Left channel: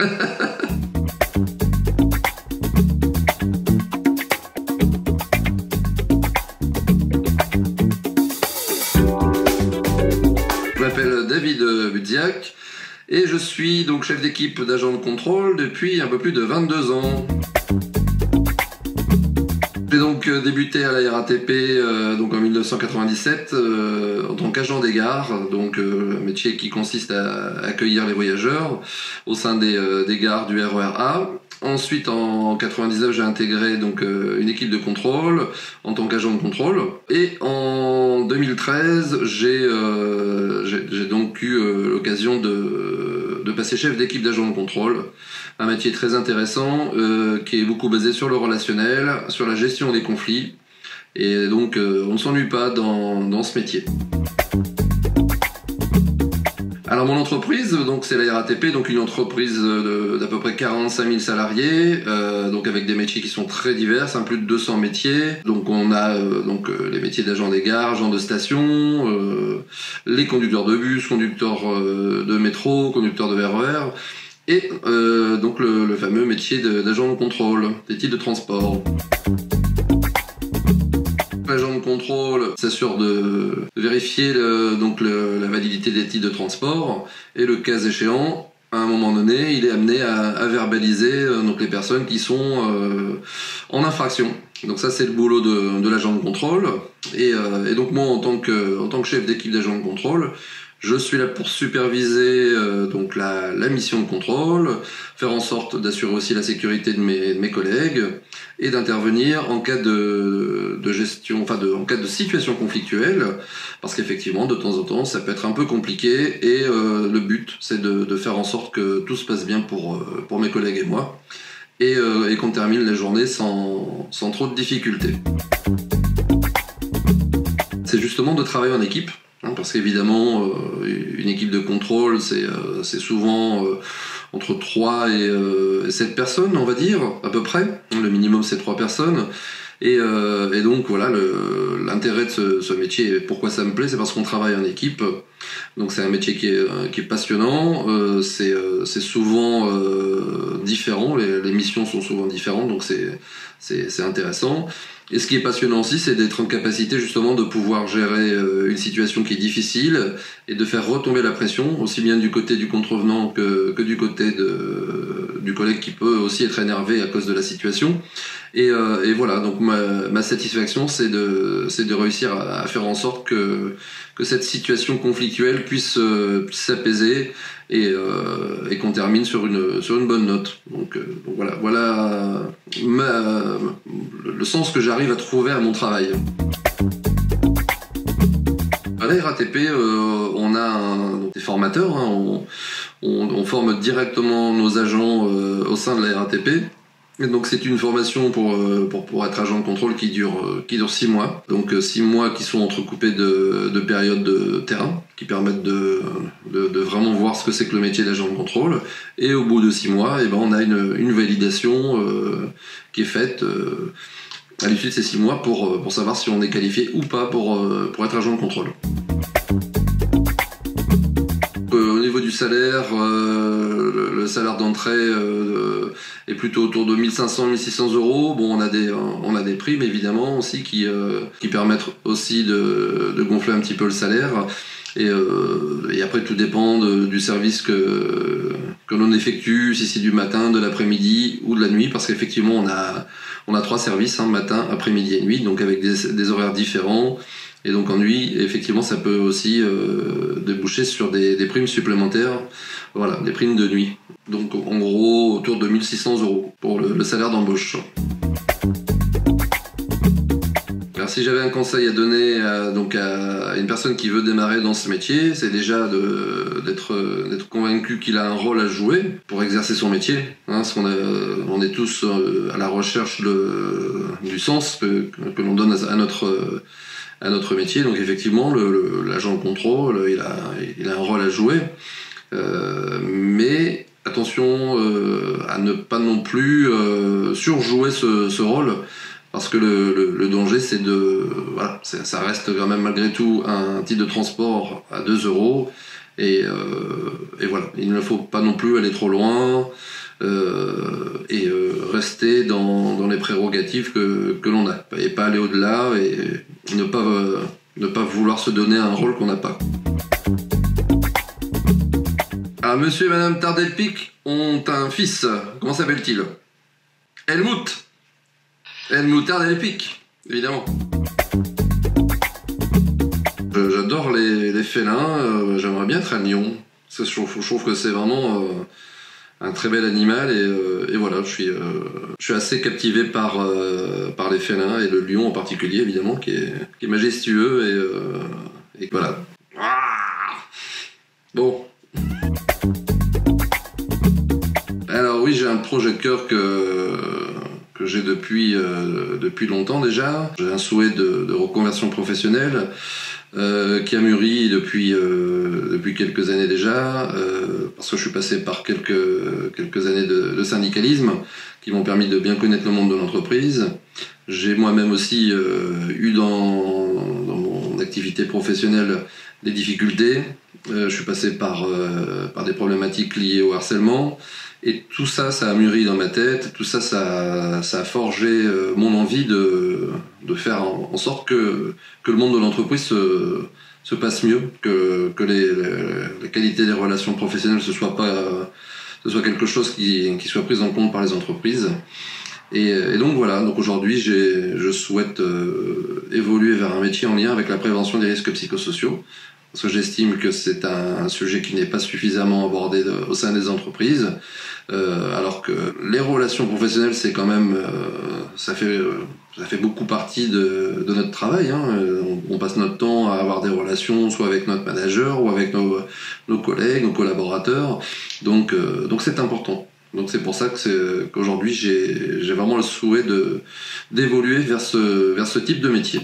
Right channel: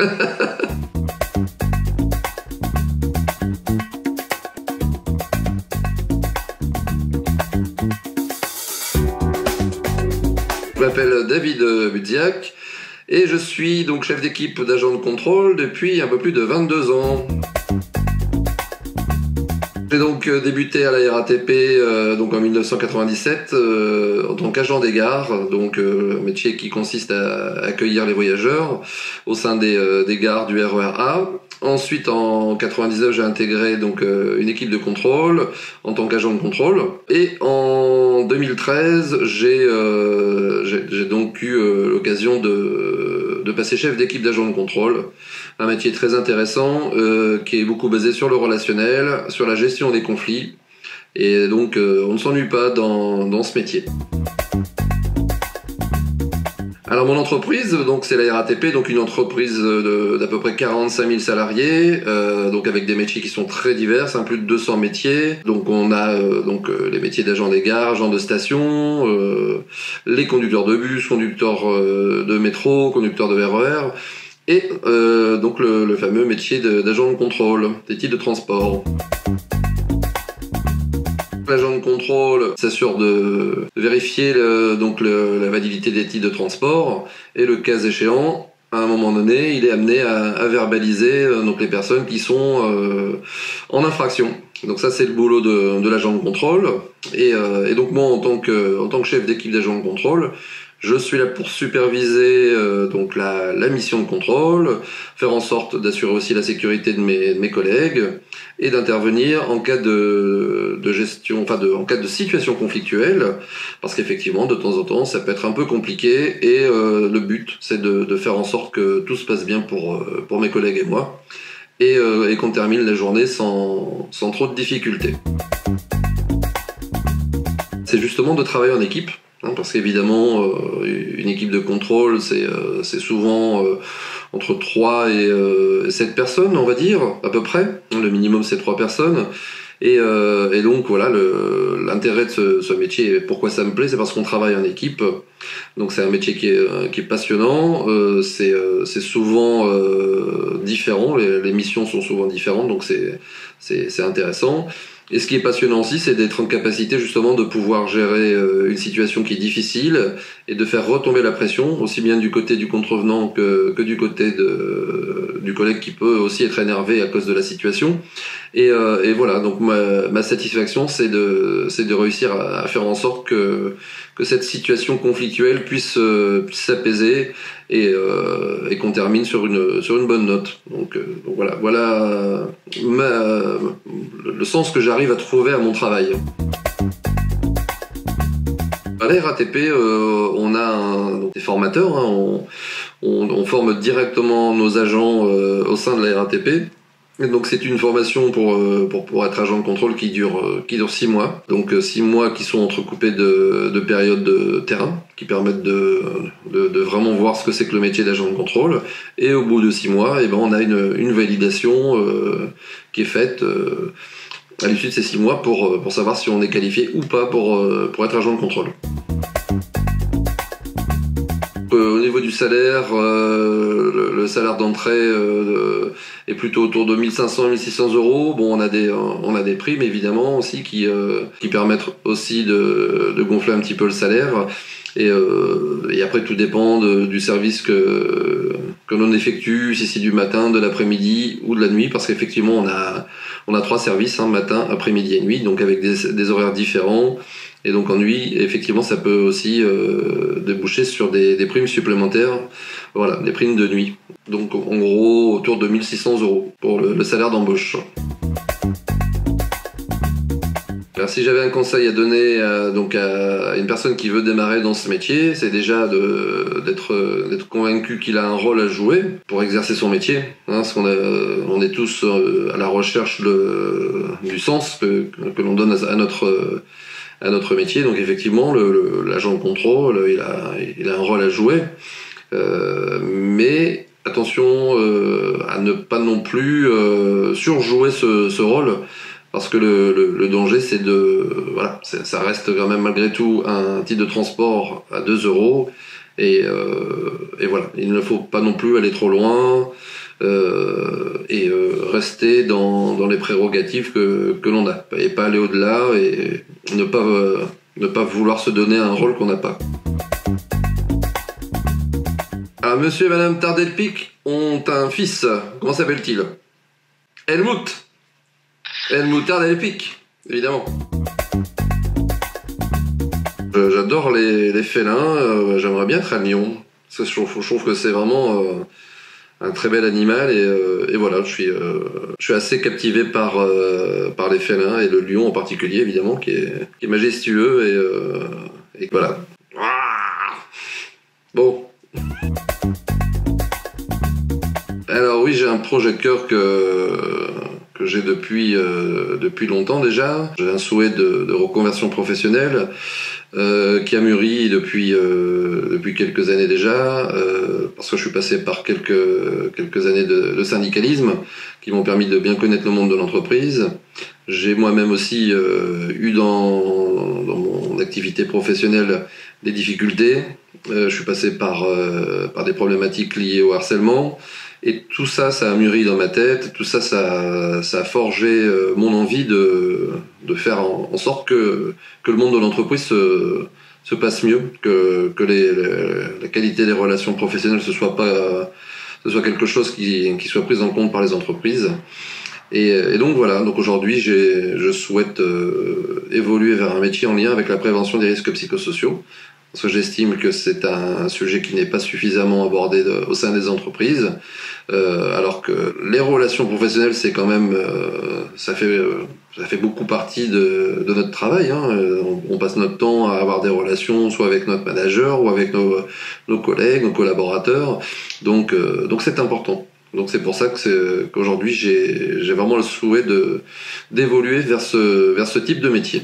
Je m'appelle David Budziak et je suis donc chef d'équipe d'agent de contrôle depuis un peu plus de 22 ans. J'ai donc débuté à la RATP donc en 1997 en tant qu'agent des gares, donc métier qui consiste à accueillir les voyageurs au sein des gares du RER A. Ensuite, en 99, j'ai intégré donc une équipe de contrôle en tant qu'agent de contrôle. Et en 2013, j'ai donc eu l'occasion de passer chef d'équipe d'agent de contrôle. Un métier très intéressant qui est beaucoup basé sur le relationnel, sur la gestion des conflits. Et donc, on ne s'ennuie pas dans ce métier. Alors mon entreprise, donc c'est la RATP, donc une entreprise d'à peu près 45 000 salariés, donc avec des métiers qui sont très divers, plus de 200 métiers. Donc on a les métiers d'agent des gares, agent de station, les conducteurs de bus, conducteurs de métro, conducteurs de RER, et donc le fameux métier d'agent de contrôle des titres de transport. L'agent de contrôle s'assure de vérifier la validité des titres de transport et le cas échéant, à un moment donné, il est amené à verbaliser donc les personnes qui sont en infraction. Donc ça c'est le boulot de l'agent de contrôle et donc moi en tant que chef d'équipe d'agent de contrôle, je suis là pour superviser donc la mission de contrôle, faire en sorte d'assurer aussi la sécurité de mes collègues et d'intervenir en cas de gestion, en cas de situation conflictuelle, parce qu'effectivement de temps en temps ça peut être un peu compliqué et le but c'est de faire en sorte que tout se passe bien pour mes collègues et moi et qu'on termine la journée sans trop de difficultés. C'est justement de travailler en équipe. Parce qu'évidemment, une équipe de contrôle, c'est souvent entre 3 et 7 personnes, on va dire, à peu près. Le minimum, c'est 3 personnes. Et donc, voilà, l'intérêt de ce métier, et pourquoi ça me plaît, c'est parce qu'on travaille en équipe. Donc, c'est un métier qui est passionnant. C'est souvent différent. Les missions sont souvent différentes, donc c'est intéressant. Et ce qui est passionnant aussi, c'est d'être en capacité justement de pouvoir gérer une situation qui est difficile et de faire retomber la pression, aussi bien du côté du contrevenant que du côté du collègue qui peut aussi être énervé à cause de la situation. Et voilà, donc ma satisfaction, c'est de réussir à faire en sorte que cette situation conflictuelle puisse s'apaiser et qu'on termine sur une bonne note. Donc voilà le sens que j'arrive à trouver à mon travail. À la RATP, on a des formateurs, on forme directement nos agents au sein de la RATP. Et donc c'est une formation pour être agent de contrôle qui dure 6 mois. Donc 6 mois qui sont entrecoupés de périodes de terrain qui permettent de vraiment voir ce que c'est que le métier d'agent de contrôle. Et au bout de 6 mois, on a une validation qui est faite à l'issue de ces 6 mois pour savoir si on est qualifié ou pas pour être agent de contrôle. Au niveau du salaire, le salaire d'entrée est plutôt autour de 1500-1600 euros. Bon, on a des primes évidemment aussi qui permettent aussi de gonfler un petit peu le salaire. Et après tout dépend du service que l'on effectue, si c'est du matin, de l'après-midi ou de la nuit, parce qu'effectivement on a 3 services, matin, après-midi et nuit, donc avec des horaires différents. Et donc en nuit, effectivement, ça peut aussi déboucher sur des primes supplémentaires, voilà, des primes de nuit. Donc en gros, autour de 1600 euros pour le salaire d'embauche. Alors si j'avais un conseil à donner à une personne qui veut démarrer dans ce métier, c'est déjà d'être convaincu qu'il a un rôle à jouer pour exercer son métier. Parce qu'on on est tous à la recherche du sens que l'on donne à notre métier. Donc effectivement, l'agent de contrôle, il a un rôle à jouer, mais attention à ne pas non plus surjouer ce rôle, parce que le danger, c'est ça reste quand même malgré tout un titre de transport à 2 euros, Et voilà, il ne faut pas non plus aller trop loin et rester dans les prérogatives que l'on a, et pas aller au-delà et ne pas vouloir se donner un rôle qu'on n'a pas. Alors, monsieur et madame Tardelpic ont un fils. Comment s'appelle-t-il? Helmut Tardelpic, évidemment. J'adore les félins, j'aimerais bien être un lion. Je trouve que c'est vraiment un très bel animal et voilà, je suis assez captivé par les félins et le lion en particulier, évidemment, qui est majestueux et voilà. Bon. Alors oui, j'ai un projet de cœur que j'ai depuis longtemps déjà. J'ai un souhait de reconversion professionnelle qui a mûri depuis quelques années déjà, parce que je suis passé par quelques années de syndicalisme qui m'ont permis de bien connaître le monde de l'entreprise. J'ai moi-même aussi eu dans mon activité professionnelle des difficultés. Je suis passé par des problématiques liées au harcèlement. Et tout ça, ça a mûri dans ma tête. Tout ça, ça a forgé mon envie de faire en sorte que le monde de l'entreprise se passe mieux, que la qualité des relations professionnelles ce soit quelque chose qui soit pris en compte par les entreprises. Et donc voilà. Donc aujourd'hui, je souhaite évoluer vers un métier en lien avec la prévention des risques psychosociaux. Parce que j'estime que c'est un sujet qui n'est pas suffisamment abordé au sein des entreprises, alors que les relations professionnelles, c'est quand même, ça fait beaucoup partie de notre travail. Hein. On passe notre temps à avoir des relations, soit avec notre manager ou avec nos collègues, nos collaborateurs. Donc c'est important. Donc c'est pour ça qu'aujourd'hui j'ai vraiment le souhait d'évoluer vers ce type de métier.